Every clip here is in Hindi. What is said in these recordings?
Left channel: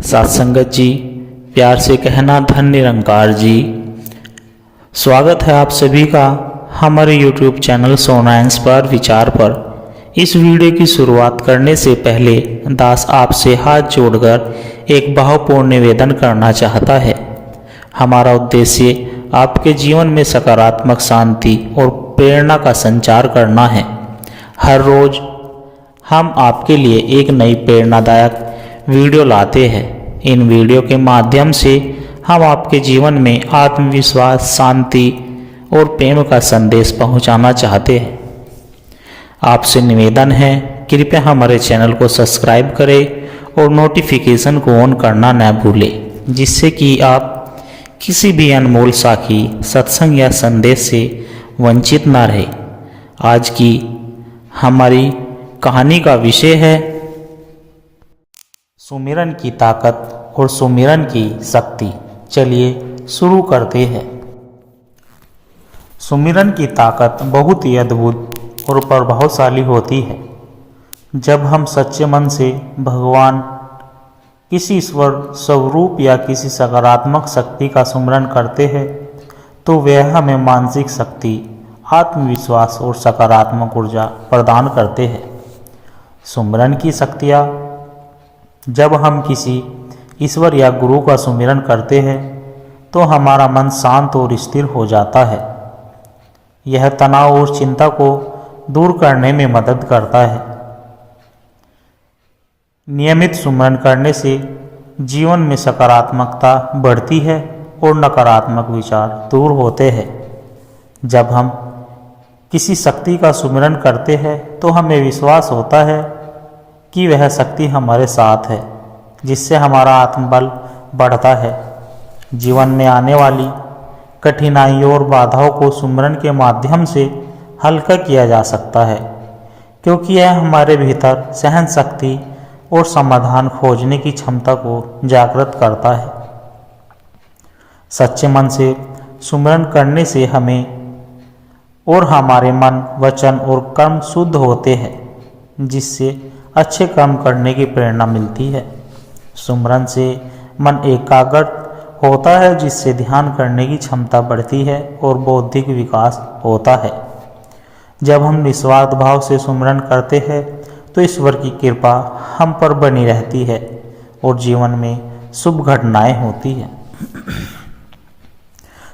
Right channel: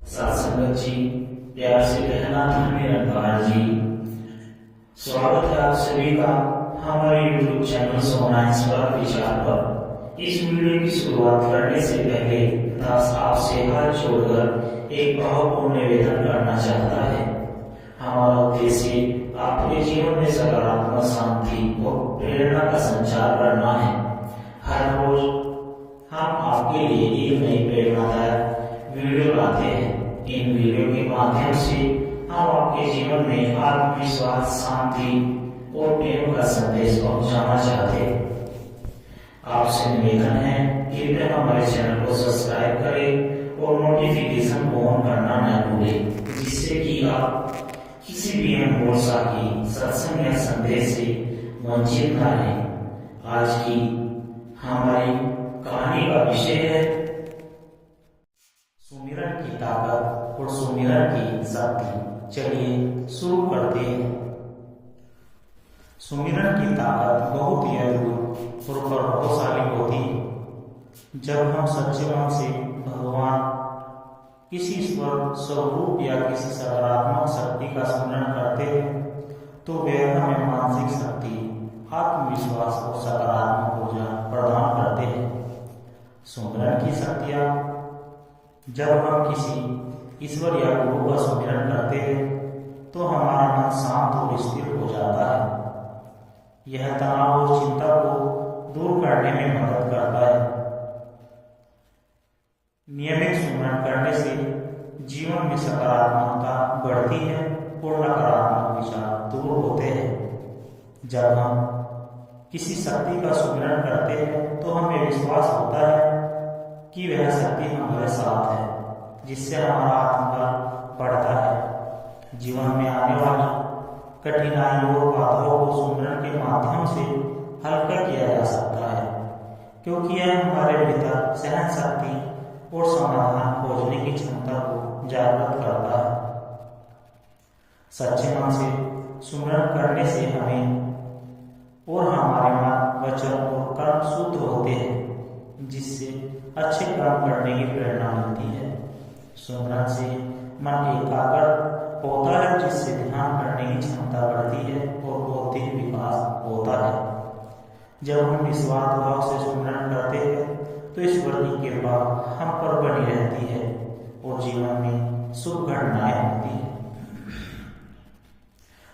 सत्संगत जी, प्यार से कहना धन निरंकार जी। स्वागत है आप सभी का हमारे YouTube चैनल सोना इंस्पायर विचार पर। इस वीडियो की शुरुआत करने से पहले दास आपसे हाथ जोड़कर एक भावपूर्ण निवेदन करना चाहता है। हमारा उद्देश्य आपके जीवन में सकारात्मक शांति और प्रेरणा का संचार करना है। हर रोज हम आपके लिए एक नई प्रेरणादायक वीडियो लाते हैं। इन वीडियो के माध्यम से हम आपके जीवन में आत्मविश्वास, शांति और प्रेम का संदेश पहुंचाना चाहते हैं। आपसे निवेदन है, कृपया हमारे चैनल को सब्सक्राइब करें और नोटिफिकेशन को ऑन करना न भूलें, जिससे कि आप किसी भी अनमोल साखी, सत्संग या संदेश से वंचित ना रहे। आज की हमारी कहानी का विषय है सुमिरन की ताकत और सुमिरन की शक्ति। चलिए शुरू करते हैं। सुमिरन की ताकत बहुत ही अद्भुत और प्रभावशाली होती है। जब हम सच्चे मन से भगवान, किसी ईश्वर स्वरूप या किसी सकारात्मक शक्ति का सुमिरन करते हैं तो वह हमें मानसिक शक्ति, आत्मविश्वास और सकारात्मक ऊर्जा प्रदान करते हैं। सुमिरन की शक्तियाँ। जब हम किसी ईश्वर या गुरु का सुमिरन करते हैं तो हमारा मन शांत और स्थिर हो जाता है। यह तनाव और चिंता को दूर करने में मदद करता है। नियमित सुमिरन करने से जीवन में सकारात्मकता बढ़ती है और नकारात्मक विचार दूर होते हैं। जब हम किसी शक्ति का सुमिरन करते हैं तो हमें विश्वास होता है कि वह शक्ति हमारे साथ है, जिससे हमारा आत्मबल बढ़ता है। जीवन में आने वाली कठिनाइयों और बाधाओं को सुमिरन के माध्यम से हल्का किया जा सकता है, क्योंकि यह हमारे भीतर सहन शक्ति और समाधान खोजने की क्षमता को जागृत करता है। सच्चे मन से सुमिरन करने से हमें और हमारे मन, वचन और कर्म शुद्ध होते हैं, जिससे अच्छे काम करने की प्रेरणा मिलती है। सुमिरन से मन एकाग्र होता है, जिससे ध्यान करने की क्षमता बढ़ती है और बौद्धिक विकास होता है। जब हम निस्वार्थ भाव से सुमिरन करते हैं तो ईश्वर की कृपा हम पर बनी रहती है और जीवन में शुभ घटनाएं होती है।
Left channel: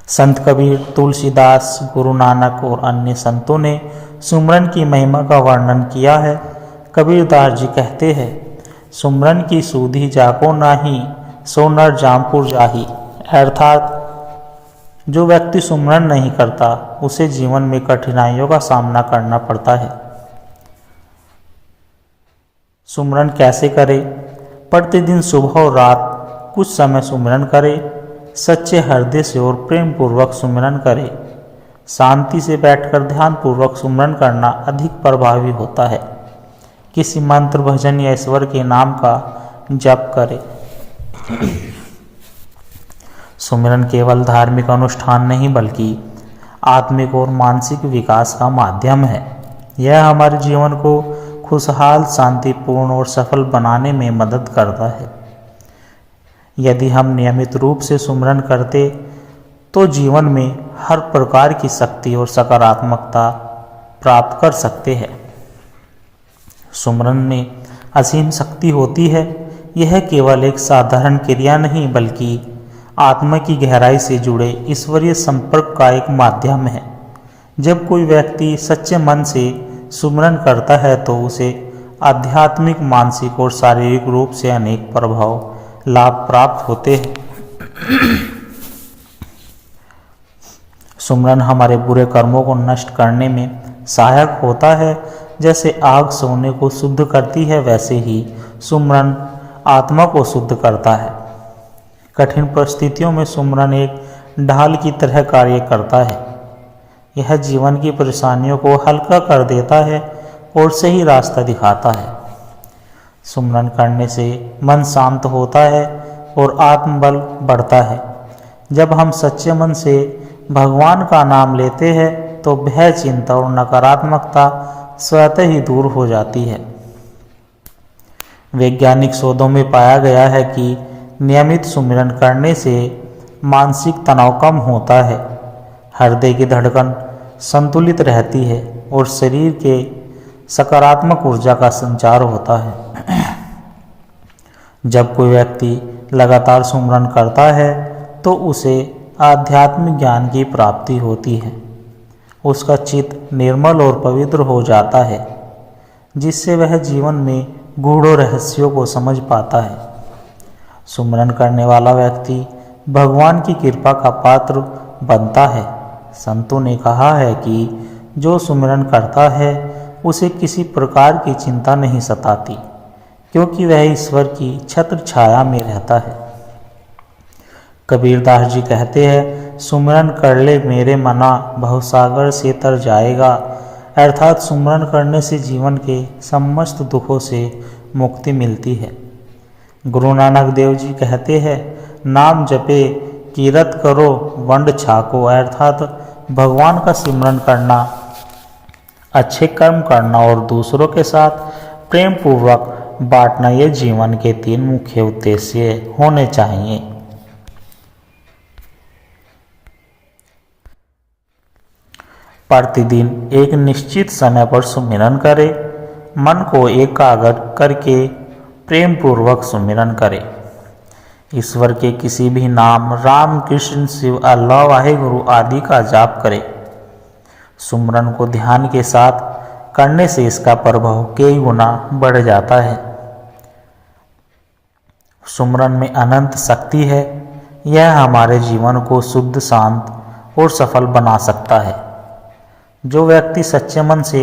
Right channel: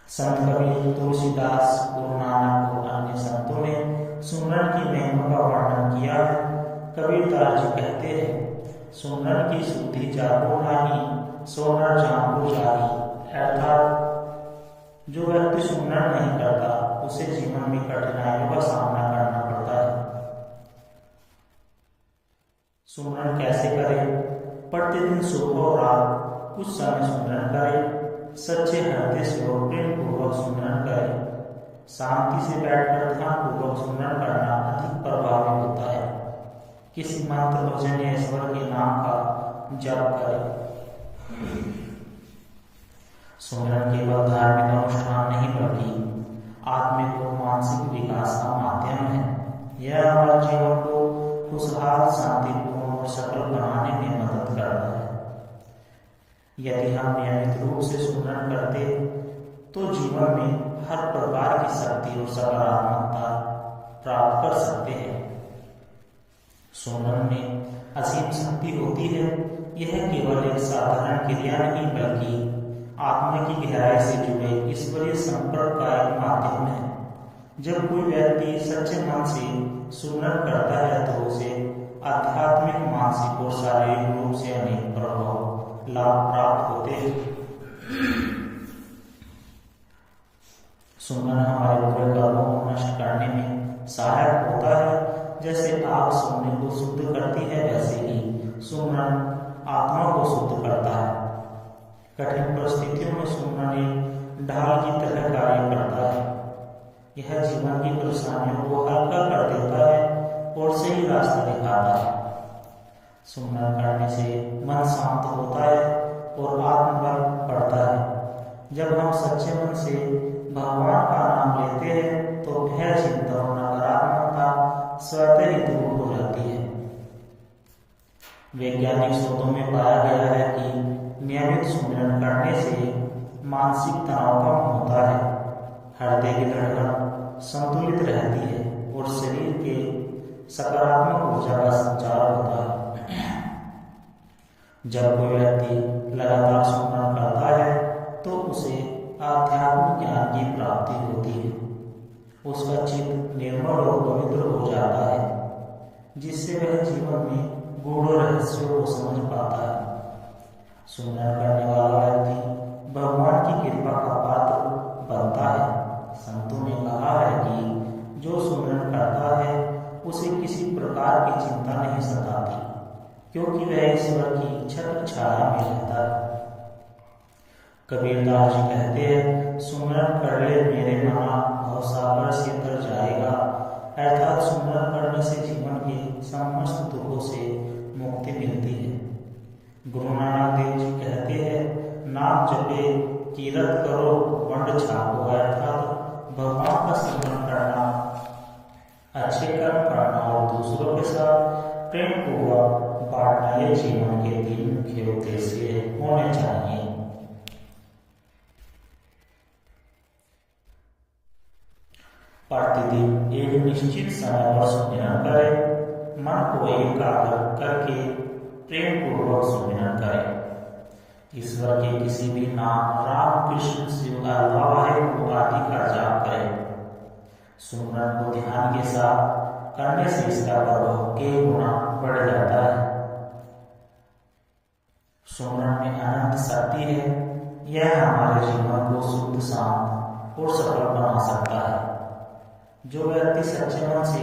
संत कबीर, तुलसीदास, गुरु नानक और अन्य संतों ने सुमिरन की महिमा का वर्णन किया है। कबीरदास जी कहते हैं, सुमिरन की सूधी जाको नाही, सो नर जामपुर जाही। अर्थात जो व्यक्ति सुमिरन नहीं करता उसे जीवन में कठिनाइयों का सामना करना पड़ता है। सुमिरन कैसे करें? प्रतिदिन सुबह और रात कुछ समय सुमिरन करें। सच्चे हृदय से और प्रेम पूर्वक सुमिरन करें। शांति से बैठकर ध्यान पूर्वक सुमिरन करना अधिक प्रभावी होता है। किसी मंत्र, भजन या ईश्वर के नाम का जप करें। सुमिरन केवल धार्मिक अनुष्ठान नहीं बल्कि आत्मिक और मानसिक विकास का माध्यम है। यह हमारे जीवन को खुशहाल, शांतिपूर्ण और सफल बनाने में मदद करता है। यदि हम नियमित रूप से सुमिरन करते तो जीवन में हर प्रकार की शक्ति और सकारात्मकता प्राप्त कर सकते हैं। सुमिरन में असीम शक्ति होती है। यह केवल एक साधारण क्रिया नहीं बल्कि आत्मा की गहराई से जुड़े ईश्वरीय संपर्क का एक माध्यम है। जब कोई व्यक्ति सच्चे मन से सुमिरन करता है तो उसे आध्यात्मिक, मानसिक और शारीरिक रूप से अनेक प्रभाव, लाभ प्राप्त होते हैं। सुमिरन हमारे बुरे कर्मों को नष्ट करने में सहायक होता है। जैसे आग सोने को शुद्ध करती है, वैसे ही सुमिरन आत्मा को शुद्ध करता है। कठिन परिस्थितियों में सुमिरन एक ढाल की तरह कार्य करता है। यह जीवन की परेशानियों को हल्का कर देता है और सही रास्ता दिखाता है। सुमिरन करने से मन शांत होता है और आत्मबल बढ़ता है। जब हम सच्चे मन से भगवान का नाम लेते हैं तो भय, चिंता और नकारात्मकता स्वतः ही दूर हो जाती है। वैज्ञानिक शोधों में पाया गया है कि नियमित सुमिरन करने से मानसिक तनाव कम होता है, हृदय की धड़कन संतुलित रहती है और शरीर के सकारात्मक ऊर्जा का संचार होता है। जब कोई व्यक्ति लगातार सुमिरन करता है तो उसे आध्यात्मिक ज्ञान की प्राप्ति होती है। उसका चित्त निर्मल और पवित्र हो जाता है, जिससे वह जीवन में गूढ़ रहस्यों को समझ पाता है। सुमिरन करने वाला व्यक्ति भगवान की कृपा का पात्र बनता है। संतों ने कहा है कि जो सुमिरन करता है उसे किसी प्रकार की चिंता नहीं सताती, क्योंकि वह ईश्वर की छत्र छाया में रहता है। कबीरदास जी कहते हैं, सुमिरन कर ले मेरे मना, भवसागर से तर जाएगा। अर्थात सुमिरन करने से जीवन के समस्त दुखों से मुक्ति मिलती है। गुरु नानक देव जी कहते हैं, नाम जपे कीरत करो वंड छाको। अर्थात भगवान का सिमरन करना, अच्छे कर्म करना और दूसरों के साथ प्रेम पूर्वक बांटना, ये जीवन के 3 मुख्य उद्देश्य होने चाहिए। प्रतिदिन एक निश्चित समय पर सुमिरन करें। मन को एकाग्र करके प्रेम पूर्वक सुमिरन करें। ईश्वर के किसी भी नाम, राम, कृष्ण, शिव, अल्लाह, वाहेगुरु आदि का जाप करें। सुमिरन को ध्यान के साथ करने से इसका प्रभाव कई गुना बढ़ जाता है। सुमिरन में अनंत शक्ति है। यह हमारे जीवन को शुद्ध, शांत और सफल बना सकता है। जो व्यक्ति सच्चे मन से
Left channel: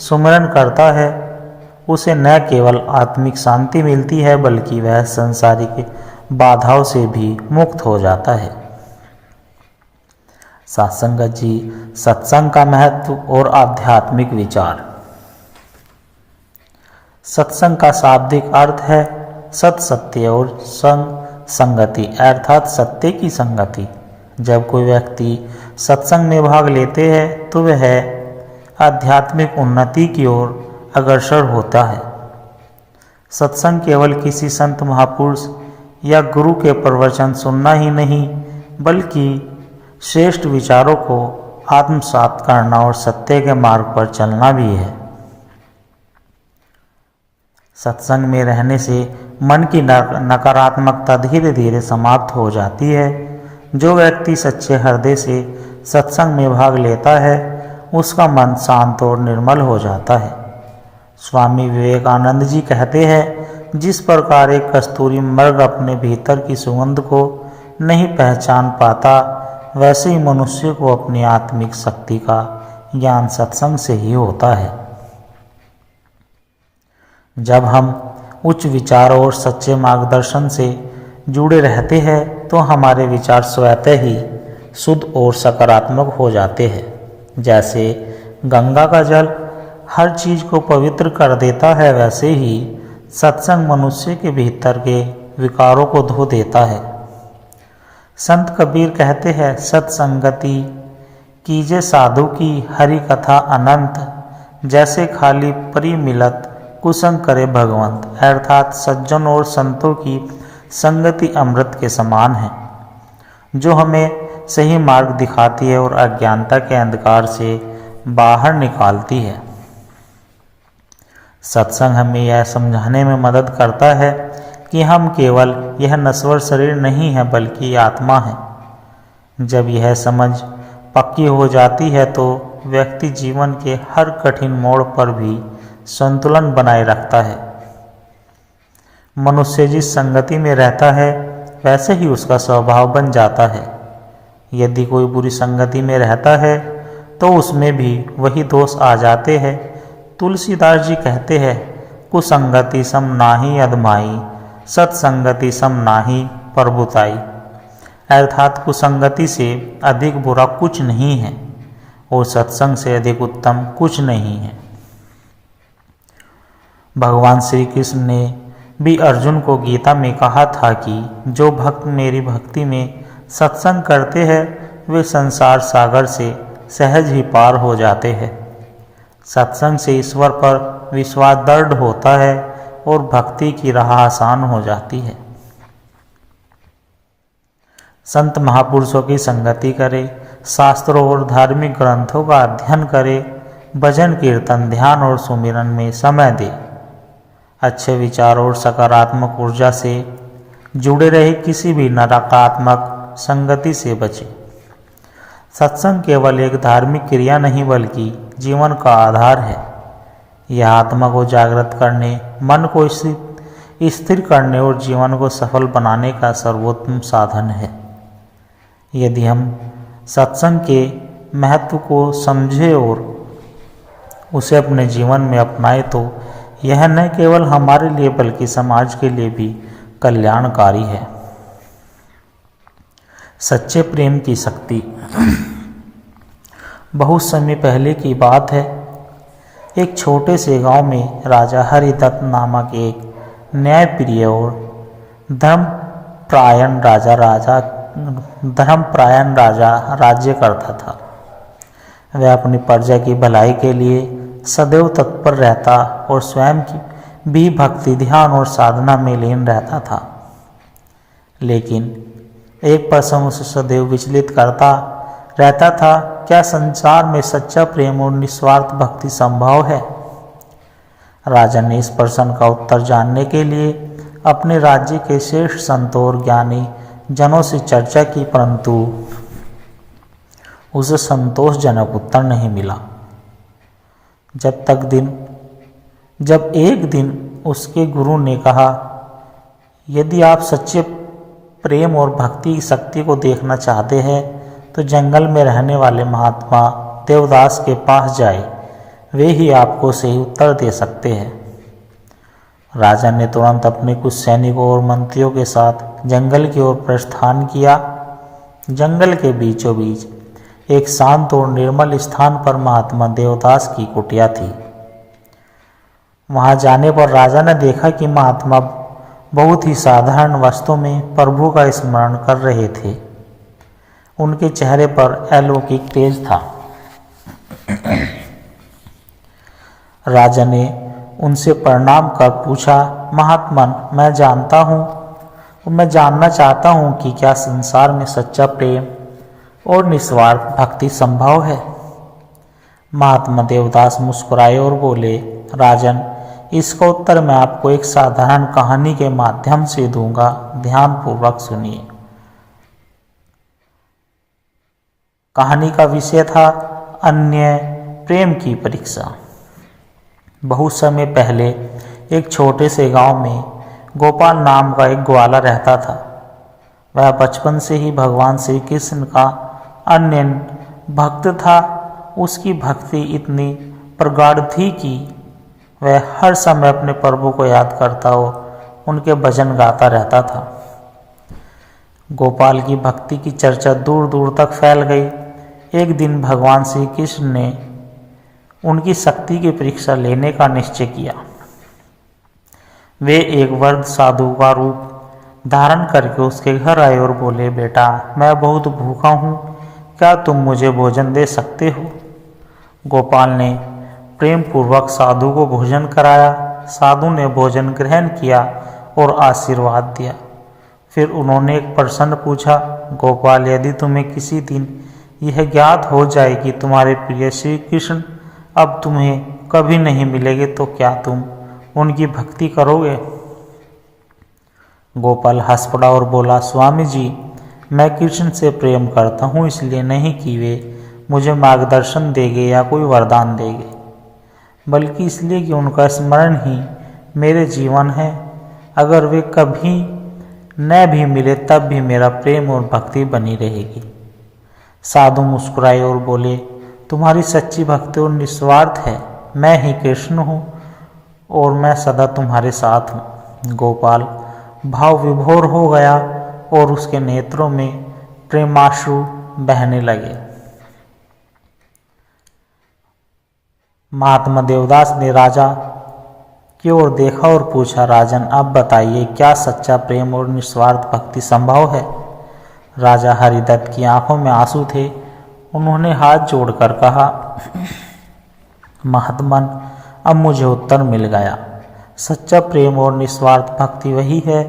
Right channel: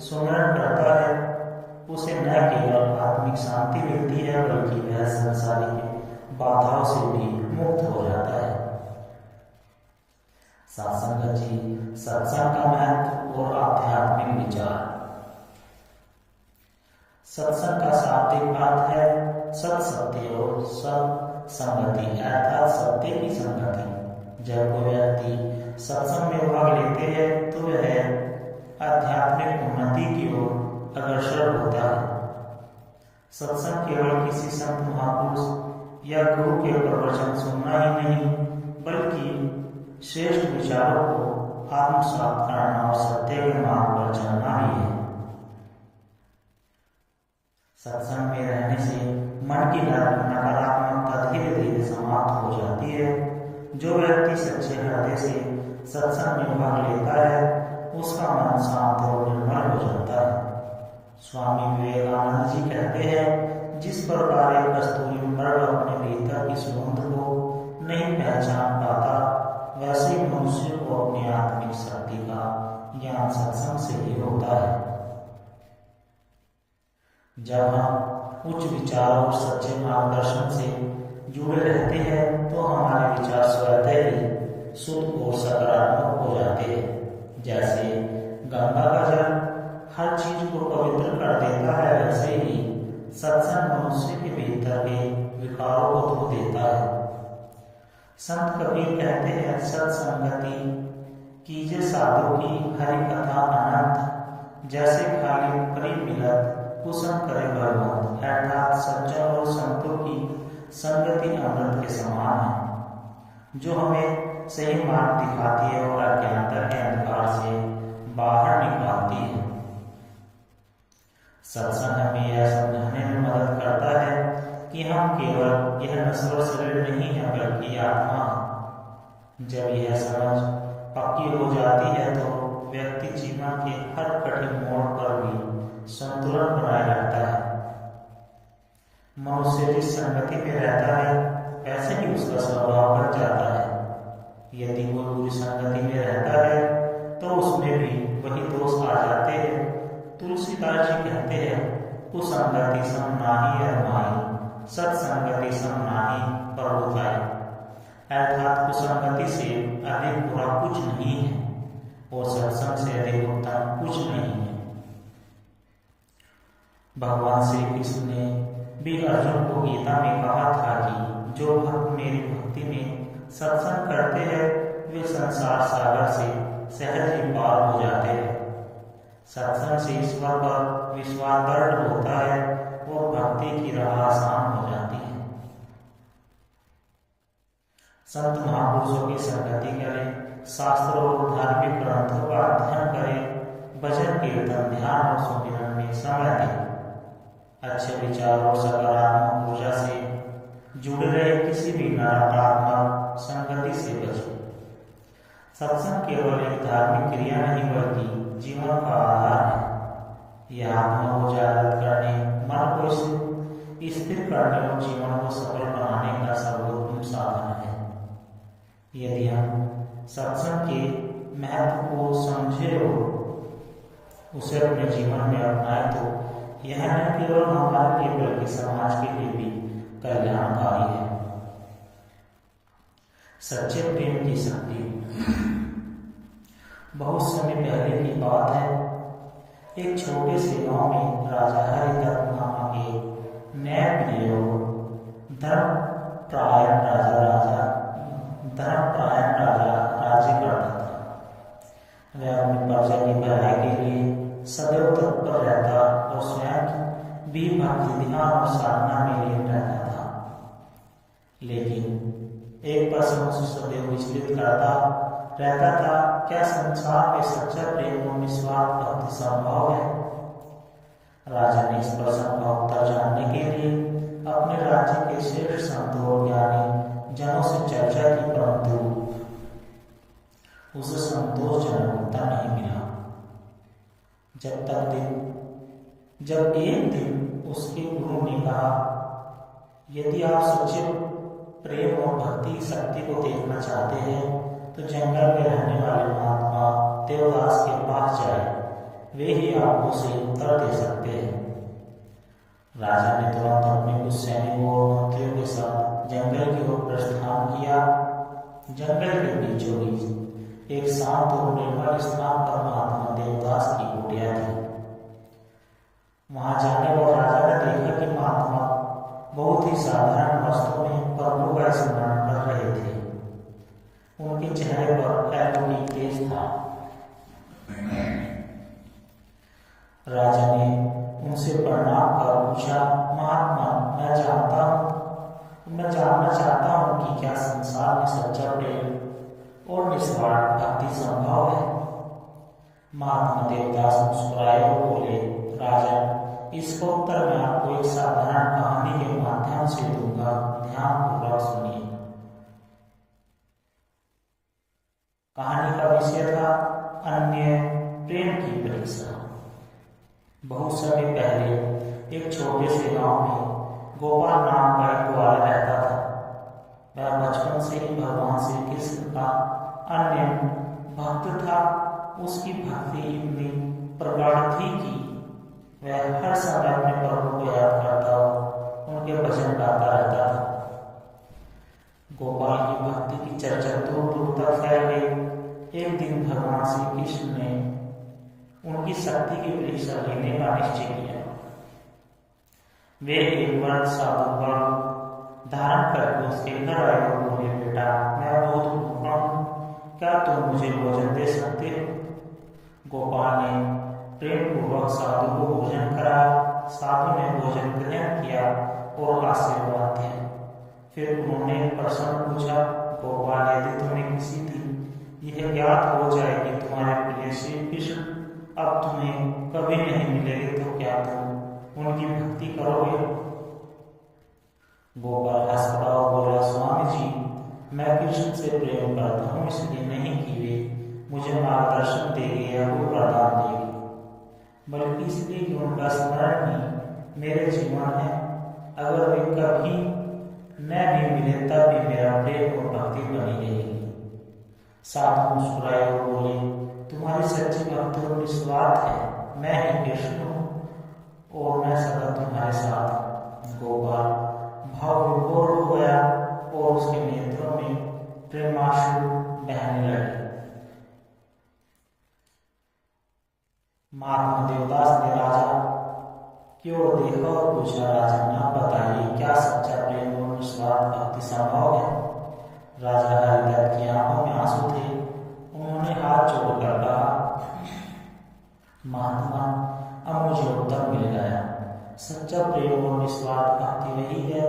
सुमिरन करता है उसे न केवल आत्मिक शांति मिलती है, बल्कि वह संसारिक बाधाओं से भी मुक्त हो जाता है। सत्संगत जी, सत्संग का महत्व और आध्यात्मिक विचार। सत्संग का शाब्दिक अर्थ है सत, सत्य और संग, संगति, अर्थात सत्य की संगति। जब कोई व्यक्ति सत्संग में भाग लेते हैं तो वह आध्यात्मिक उन्नति की ओर अग्रसर होता है। सत्संग केवल किसी संत, महापुरुष या गुरु के प्रवचन सुनना ही नहीं, बल्कि श्रेष्ठ विचारों को आत्मसात करना और सत्य के मार्ग पर चलना भी है। सत्संग में रहने से मन की नकारात्मकता धीरे धीरे समाप्त हो जाती है। जो व्यक्ति सच्चे हृदय से सत्संग में भाग लेता है उसका मन शांत और निर्मल हो जाता है। स्वामी विवेकानंद जी कहते हैं, जिस प्रकार एक कस्तूरी मृग अपने भीतर की सुगंध को नहीं पहचान पाता, वैसे ही मनुष्य को अपनी आत्मिक शक्ति का ज्ञान सत्संग से ही होता है। जब हम उच्च विचारों और सच्चे मार्गदर्शन से जुड़े रहते हैं तो हमारे विचार स्वतः ही शुद्ध और सकारात्मक हो जाते हैं। जैसे गंगा का जल हर चीज को पवित्र कर देता है, वैसे ही सत्संग मनुष्य के भीतर के विकारों को धो देता है। संत कबीर कहते हैं, सत्संगति कीजे साधु की हरि कथा अनंत, जैसे खाली परी मिलत कुसंग करे भगवंत। अर्थात सज्जन और संतों की संगति अमृत के समान है, जो हमें सही मार्ग दिखाती है और अज्ञानता के अंधकार से बाहर निकालती है। सत्संग हमें यह समझाने में मदद करता है कि हम केवल यह नश्वर शरीर नहीं है, बल्कि आत्मा है। जब यह समझ पक्की हो जाती है तो व्यक्ति जीवन के हर कठिन मोड़ पर भी संतुलन बनाए रखता है। मनुष्य जिस संगति में रहता है वैसे ही उसका स्वभाव बन जाता है। यदि कोई बुरी संगति में रहता है तो उसमें भी वही दोष आ जाते हैं। तुलसीदास जी कहते हैं, कुसंगति सम नाहि अधमाई, सत्संगति सम नाहि प्रभुताई। अर्थात कुसंगति से अधिक बुरा कुछ नहीं है और सत्संग से अधिक उत्तम कुछ नहीं है। भगवान श्री कृष्ण ने भी अर्जुन को गीता में कहा था कि जो भक्त मेरी भक्ति में सत्संग करते हैं वे संसार सागर से सहज ही पार हो जाते हैं। सत्संग से ईश्वर पर विश्वास दृढ़ होता है और भक्ति की राह आसान हो जाती है। संत महापुरुषों की संगति करे, शास्त्रों और धार्मिक ग्रंथों का अध्ययन करे, भजन कीर्तन ध्यान और सुमिरन में समय दे, अच्छे विचारों और सकारात्मक ऊर्जा से जुड़े रहे, किसी भी नकारात्मक संगति से बचे। सत्संग केवल एक धार्मिक क्रिया नहीं बल्कि जीवन का आधार है। यह आत्मा को जागृत करने, मन को स्थिर करने और जीवन को सफल बनाने का सर्वोत्तम साधन है। यदि हम सत्संग के महत्व को समझें और उसे अपने जीवन में अपनाएं तो यह न केवल हमारे लिए बल्कि समाज के लिए भी कल्याणकारी है। सच्चे प्रेम की शक्ति। बहुत समय पहले की बात है। एक छोटे से गांव में राजा हरिदत्त नामक एक न्यायप्रिय और धर्मपरायण राजा राज्य करता था। वह अपनी प्रजा की भलाई के लिए सदैव तत्पर रहता और स्वयं की भी भक्ति ध्यान और साधना में लीन रहता था। लेकिन एक प्रश्न उसे सदैव विचलित करता रहता था, क्या संसार में सच्चा प्रेम और निस्वार्थ भक्ति संभव है? राजा ने इस प्रश्न का उत्तर जानने के लिए अपने राज्य के श्रेष्ठ संतों और ज्ञानी जनों से चर्चा की, परंतु उसे संतोषजनक उत्तर नहीं मिला। जब एक दिन उसके गुरु ने कहा, यदि आप सच्चे प्रेम और भक्ति की शक्ति को देखना चाहते हैं तो जंगल में रहने वाले महात्मा देवदास के पास जाए, वे ही आपको सही उत्तर दे सकते हैं। राजा ने तुरंत अपने कुछ सैनिकों और मंत्रियों के साथ जंगल की ओर प्रस्थान किया। जंगल के बीचों बीच एक शांत और निर्मल स्थान पर महात्मा देवदास की कुटिया थी। वहां जाने पर राजा ने देखा कि महात्मा बहुत ही साधारण वस्त्रों में प्रभु का स्मरण कर रहे थे। उनके चेहरे पर अलौकिक तेज था। राजा ने उनसे प्रणाम कर पूछा, महात्मन, मैं जानना चाहता हूँ कि क्या संसार में सच्चा प्रेम और निस्वार्थ भक्ति संभव है? महात्मा देवदास मुस्कुराए और बोले, राजन, इसका उत्तर मैं आपको एक साधारण कहानी के माध्यम से दूंगा, ध्यान पूर्वक सुनिए। कहानी का विषय था अन्य प्रेम की परीक्षा। बहुत समय पहले एक छोटे से गांव में गोपाल नाम का एक ग्वाला रहता था। वह बचपन से ही भगवान श्री कृष्ण का अन्य भक्त था। उसकी भक्ति इतनी प्रगाढ़ थी कि वह हर समय अपने प्रभु को याद करता और उनके भजन गाता रहता था। गोपाल की भक्ति की चर्चा दूर दूर तक फैल गई। एक दिन भगवान श्री कृष्ण ने उनकी शक्ति की परीक्षा लेने का निश्चय किया। वे एक वृद्ध साधु का रूप धारण करके उसके घर आए और बोले, बेटा, मैं बहुत भूखा हूँ, क्या तुम मुझे भोजन दे सकते हो? गोपाल ने प्रेम पूर्वक साधु को भोजन कराया। साधु ने भोजन ग्रहण किया और आशीर्वाद दिया। फिर उन्होंने एक प्रश्न पूछा, गोपाल, यदि तुम्हें किसी दिन यह ज्ञात हो जाए कि तुम्हारे प्रिय श्री कृष्ण अब तुम्हें कभी नहीं मिलेंगे तो क्या तुम उनकी भक्ति करोगे? गोपाल हंस पड़ा और बोला, स्वामी जी, मैं कृष्ण से प्रेम करता हूँ, इसलिए नहीं कि वे मुझे मार्गदर्शन देंगे या कोई वरदान देंगे, बल्कि इसलिए कि उनका स्मरण ही मेरे जीवन है। अगर वे कभी न भी मिले तब भी मेरा प्रेम और भक्ति बनी रहेगी। साधु मुस्कुराए और बोले, तुम्हारी सच्ची भक्ति और निस्वार्थ है। मैं ही कृष्ण हूँ और मैं सदा तुम्हारे साथ हूँ। गोपाल भाव विभोर हो गया और उसके नेत्रों में प्रेमाश्रु बहने लगे। महात्मा देवदास ने राजा की ओर देखा और पूछा, राजन, अब बताइए, क्या सच्चा प्रेम और निस्वार्थ भक्ति संभव है? राजा हरिदत्त की आंखों में आंसू थे। उन्होंने हाथ जोड़कर कहा, महात्मन, अब मुझे उत्तर मिल गया। सच्चा प्रेम और निस्वार्थ भक्ति वही है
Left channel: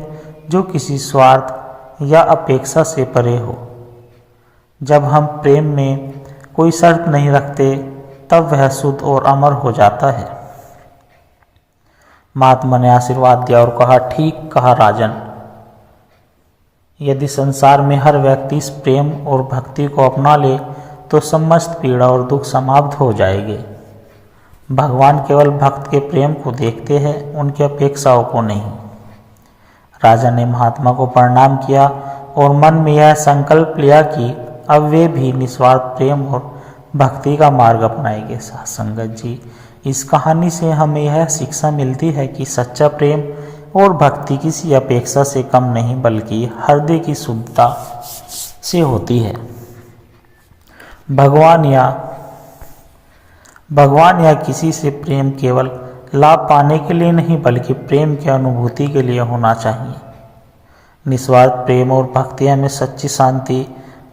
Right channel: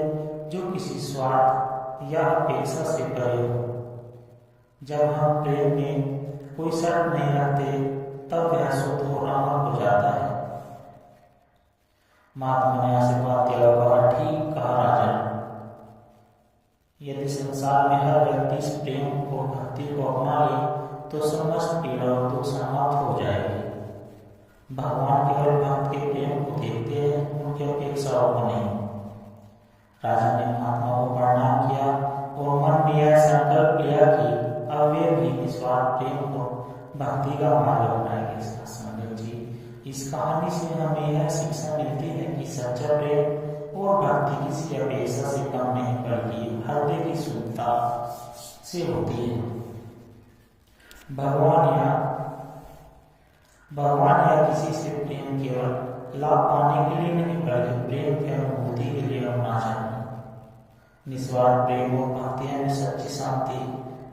जो किसी स्वार्थ या अपेक्षा से परे हो। जब हम प्रेम में कोई शर्त नहीं रखते तब वह शुद्ध और अमर हो जाता है। महात्मा ने आशीर्वाद दिया और कहा, ठीक कहा राजन, यदि संसार में हर व्यक्ति इस प्रेम और भक्ति को अपना ले तो समस्त पीड़ा और दुख समाप्त हो जाएंगे। भगवान केवल भक्त के प्रेम को देखते हैं, उनकी अपेक्षाओं को नहीं। राजा ने महात्मा को प्रणाम किया और मन में यह संकल्प लिया कि अब वे भी निस्वार्थ प्रेम और भक्ति का मार्ग अपनाएंगे। संगत जी, इस कहानी से हमें यह शिक्षा मिलती है कि सच्चा प्रेम और भक्ति किसी अपेक्षा से कम नहीं बल्कि हृदय की शुद्धता से होती है। भगवान या किसी से प्रेम केवल लाभ पाने के लिए नहीं बल्कि प्रेम की अनुभूति के लिए होना चाहिए। निस्वार्थ प्रेम और भक्ति हमें सच्ची शांति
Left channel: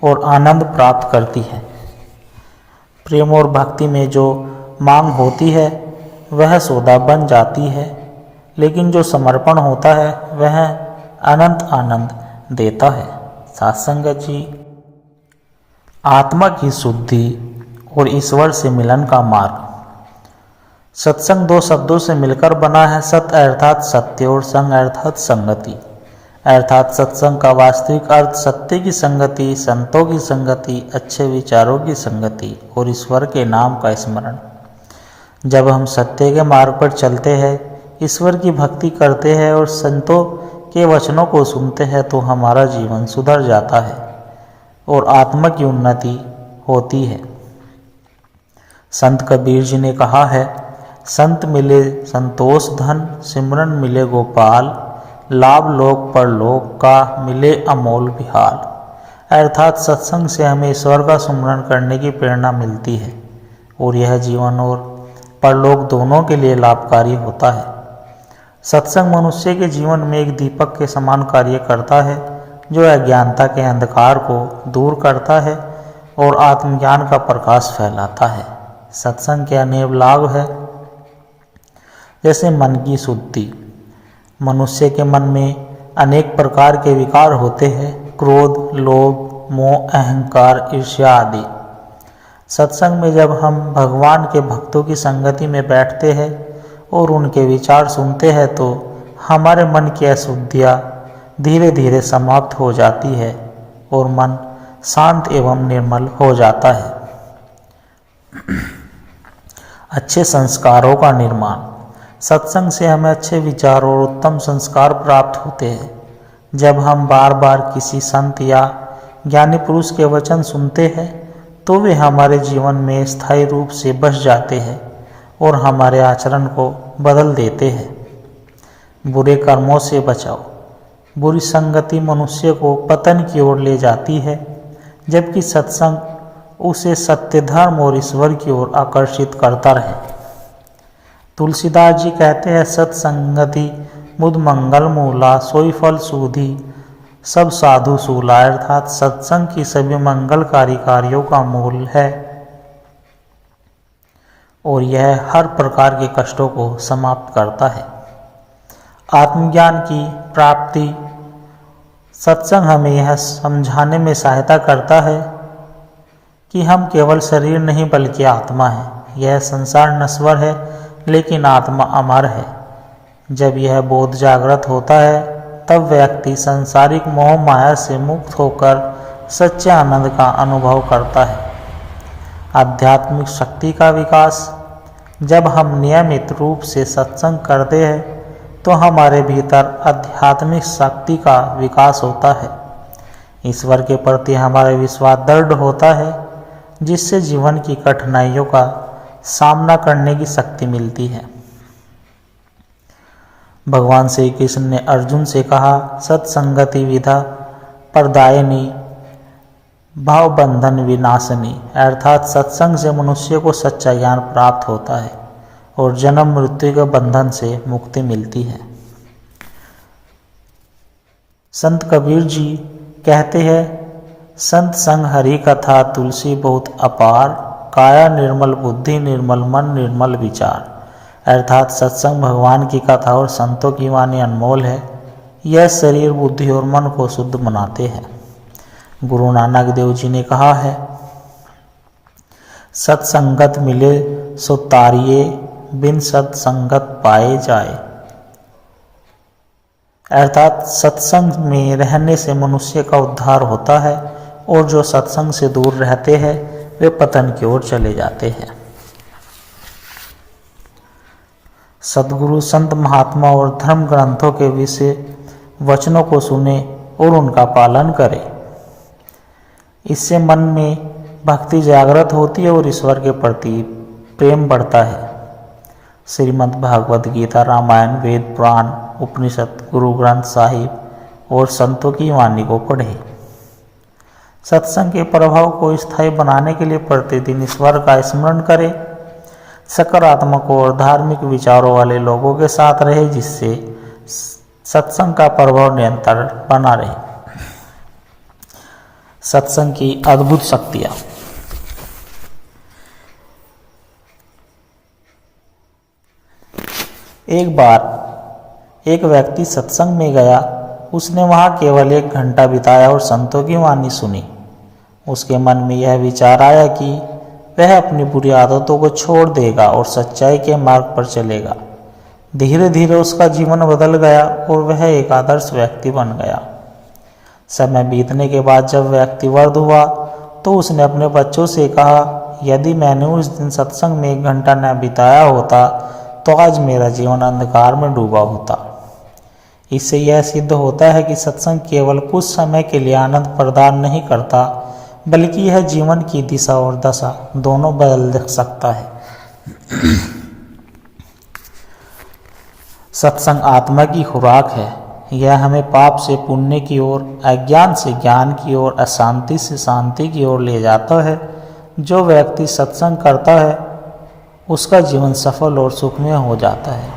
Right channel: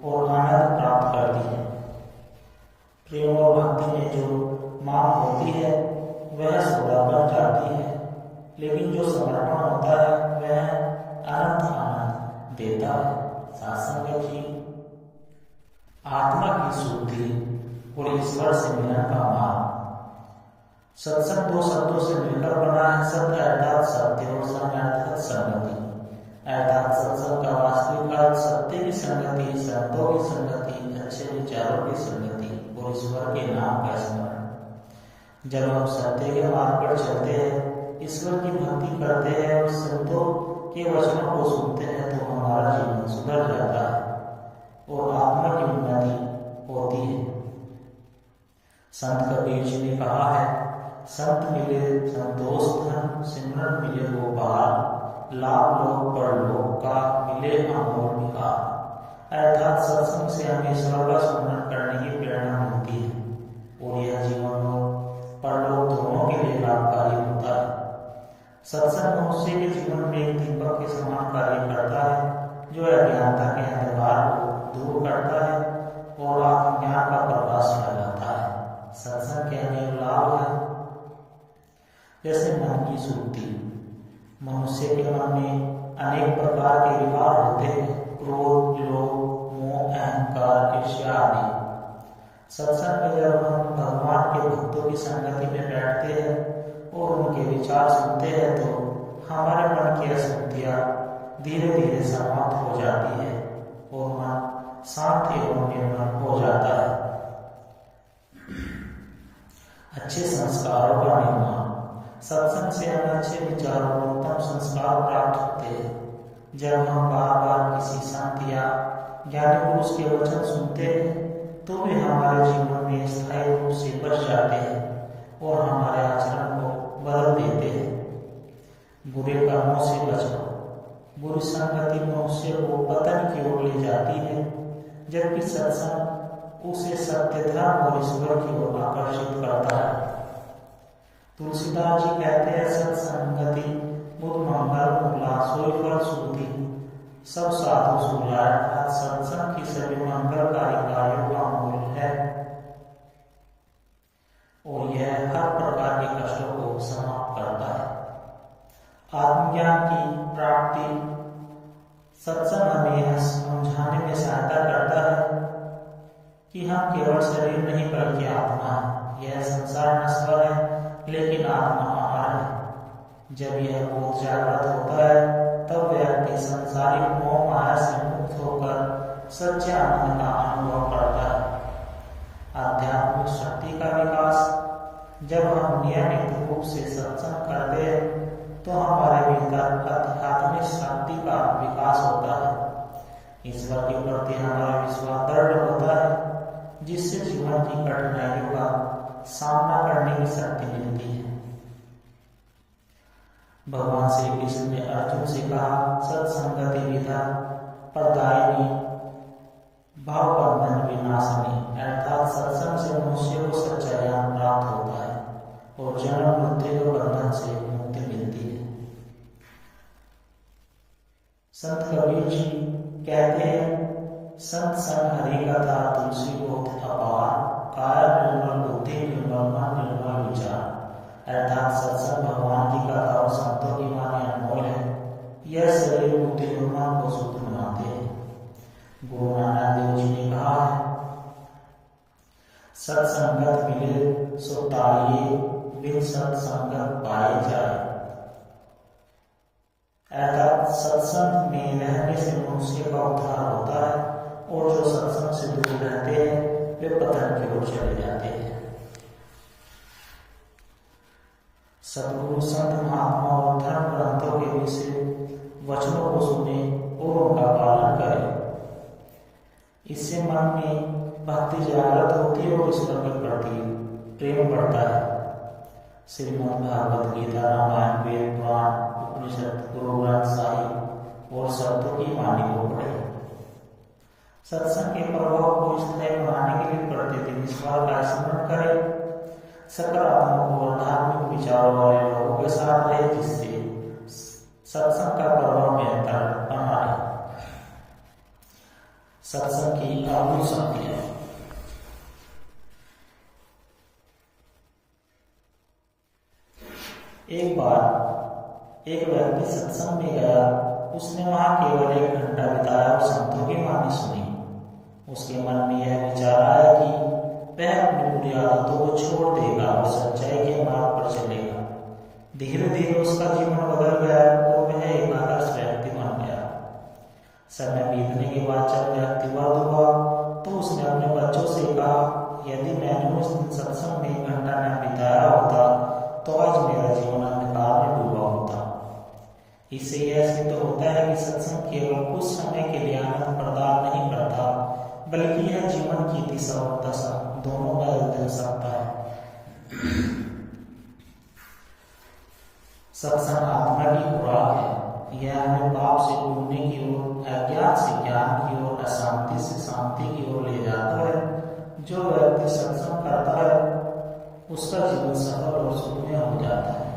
और आनंद प्राप्त करती है। प्रेम और भक्ति में जो मांग होती है वह सौदा बन जाती है, लेकिन जो समर्पण होता है वह अनंत आनंद देता है। सत्संग जी, आत्मा की शुद्धि और ईश्वर से मिलन का मार्ग। सत्संग दो शब्दों से मिलकर बना है, सत अर्थात सत्य और संग अर्थात संगति। अर्थात सत्संग का वास्तविक अर्थ सत्य की संगति, संतों की संगति, अच्छे विचारों की संगति और ईश्वर के नाम का स्मरण। जब हम सत्य के मार्ग पर चलते हैं, ईश्वर की भक्ति करते हैं और संतों के वचनों को सुनते हैं तो हमारा जीवन सुधर जाता है और आत्मा की उन्नति होती है। संत कबीर जी ने कहा है, संत मिले संतोष धन, सिमरन मिले गोपाल, लाभ लोक पर लोक का मिले अमोल विहार। अर्थात सत्संग से हमें ईश्वर का सुमरन करने की प्रेरणा मिलती है और यह जीवन और परलोक दोनों के लिए लाभकारी होता है। सत्संग मनुष्य के जीवन में एक दीपक के समान कार्य करता है जो अज्ञानता के अंधकार को दूर करता है और आत्मज्ञान का प्रकाश फैलाता है। सत्संग के अनेक लाभ है, जैसे मन की शुद्धि। मनुष्य के मन में अनेक प्रकार के विकार होते हैं, क्रोध, लोभ, मोह, अहंकार, ईर्ष्या आदि। सत्संग में जब हम भगवान के भक्तों की संगति में बैठते हैं और उनके विचार सुनते हैं तो हमारे मन की अशुद्धियाँ धीरे धीरे समाप्त हो जाती है और मन शांत एवं निर्मल हो जाता है। अच्छे संस्कारों का निर्माण। सत्संग से हमें अच्छे विचार और उत्तम संस्कार प्राप्त होते हैं। जब हम बार बार किसी संत या ज्ञानी पुरुष के वचन सुनते हैं तो वे हमारे जीवन में स्थायी रूप से बस जाते हैं और हमारे आचरण को बदल देते हैं। बुरे कर्मों से बचाओ। बुरी संगति मनुष्य को पतन की ओर ले जाती है, जबकि सत्संग उसे सत्य, धर्म और ईश्वर की ओर आकर्षित करता रहे। तुलसीदास जी कहते हैं, सत्संगति मुद मंगल मूला, सोई फल सूधी सब साधु सूला। अर्थात सत्संग की सभी मंगलकारी कार्यों का मूल है और यह हर प्रकार के कष्टों को समाप्त करता है। आत्मज्ञान की प्राप्ति। सत्संग हमें यह समझाने में सहायता करता है कि हम केवल शरीर नहीं बल्कि आत्मा है। यह संसार नश्वर है लेकिन आत्मा अमर है। जब यह बोध जागृत होता है तब व्यक्ति सांसारिक मोह माया से मुक्त होकर सच्चे आनंद का अनुभव करता है। आध्यात्मिक शक्ति का विकास। जब हम नियमित रूप से सत्संग करते हैं तो हमारे भीतर आध्यात्मिक शक्ति का विकास होता है। ईश्वर के प्रति हमारा विश्वास दृढ़ होता है, जिससे जीवन की कठिनाइयों का सामना करने की शक्ति मिलती है। भगवान श्री कृष्ण ने अर्जुन से कहा, सत्संगति विधा प्रदायिनी भाव बंधन विनाशनी। अर्थात सत्संग से मनुष्य को सच्चा ज्ञान प्राप्त होता है और जन्म मृत्यु के बंधन से मुक्ति मिलती है। संत कबीर जी कहते हैं, संत संग हरि कथा तुलसी बहुत अपार, काया निर्मल बुद्धि निर्मल मन निर्मल विचार। अर्थात सत्संग भगवान की कथा और संतों की वाणी अनमोल है। यह शरीर, बुद्धि और मन को शुद्ध बनाते हैं। गुरु नानक देव जी ने कहा है, सत्संगत मिले सो तारिये, बिन सत्संगत पाए जाए। अर्थात सत्संग में रहने से मनुष्य का उद्धार होता है और जो सत्संग से दूर रहते हैं वे पतन की ओर चले जाते हैं। सद्गुरु, संत, महात्मा और धर्म ग्रंथों के विषय वचनों को सुने और उनका पालन करें। इससे मन में भक्ति जागृत होती है और ईश्वर के प्रति प्रेम बढ़ता है। श्रीमद् भागवत गीता, रामायण, वेद, पुराण, उपनिषद, गुरु ग्रंथ साहिब और संतों की वाणी को पढ़ें। सत्संग के प्रभाव को स्थायी बनाने के लिए प्रतिदिन ईश्वर का स्मरण करें। सकारात्मक और धार्मिक विचारों वाले लोगों के साथ रहे, जिससे सत्संग का प्रभाव निरंतर बना रहे। सत्संग की अद्भुत शक्तियाँ। एक बार एक व्यक्ति सत्संग में गया। उसने वहाँ केवल 1 घंटा बिताया और संतों की वाणी सुनी। उसके मन में यह विचार आया कि वह अपनी बुरी आदतों को छोड़ देगा और सच्चाई के मार्ग पर चलेगा। धीरे धीरे उसका जीवन बदल गया और वह एक आदर्श व्यक्ति बन गया। समय बीतने के बाद जब व्यक्ति वृद्ध हुआ तो उसने अपने बच्चों से कहा, यदि मैंने उस दिन सत्संग में 1 घंटा न बिताया होता तो आज मेरा जीवन अंधकार में डूबा होता। इससे यह सिद्ध होता है कि सत्संग केवल कुछ समय के लिए आनंद प्रदान नहीं करता, बल्कि यह जीवन की दिशा और दशा दोनों बदल सकता है। सत्संग आत्मा की खुराक है। यह हमें पाप से पुण्य की ओर, अज्ञान से ज्ञान की ओर, अशांति से शांति की ओर ले जाता है। जो व्यक्ति सत्संग करता है उसका जीवन सफल और सुखमय हो जाता है।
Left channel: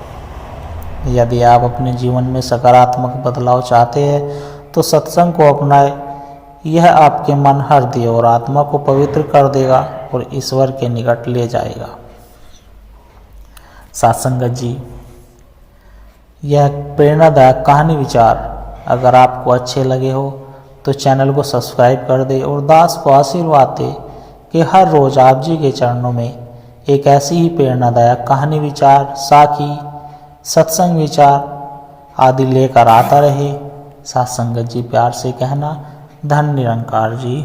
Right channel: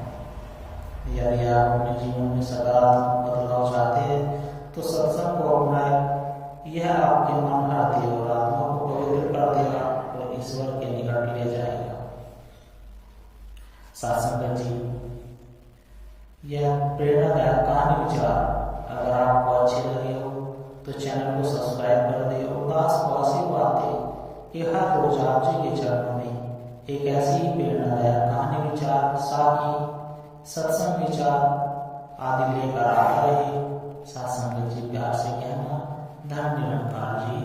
यदि आप अपने जीवन में सकारात्मक बदलाव चाहते हैं तो सत्संग को अपनाएं। यह आपके मन, हृदय और आत्मा को पवित्र कर देगा और ईश्वर के निकट ले जाएगा। सत्संगत जी, यह प्रेरणादायक कहानी विचार अगर आपको अच्छे लगे हो तो चैनल को सब्सक्राइब कर दे और दास को आशीर्वाद दे कि हर रोज आप जी के चरणों में एक ऐसी ही प्रेरणादायक कहानी विचार, साखी, सत्संग विचार आदि लेकर आता रहे। सत्संगत जी प्यार से कहना, धन निरंकार जी।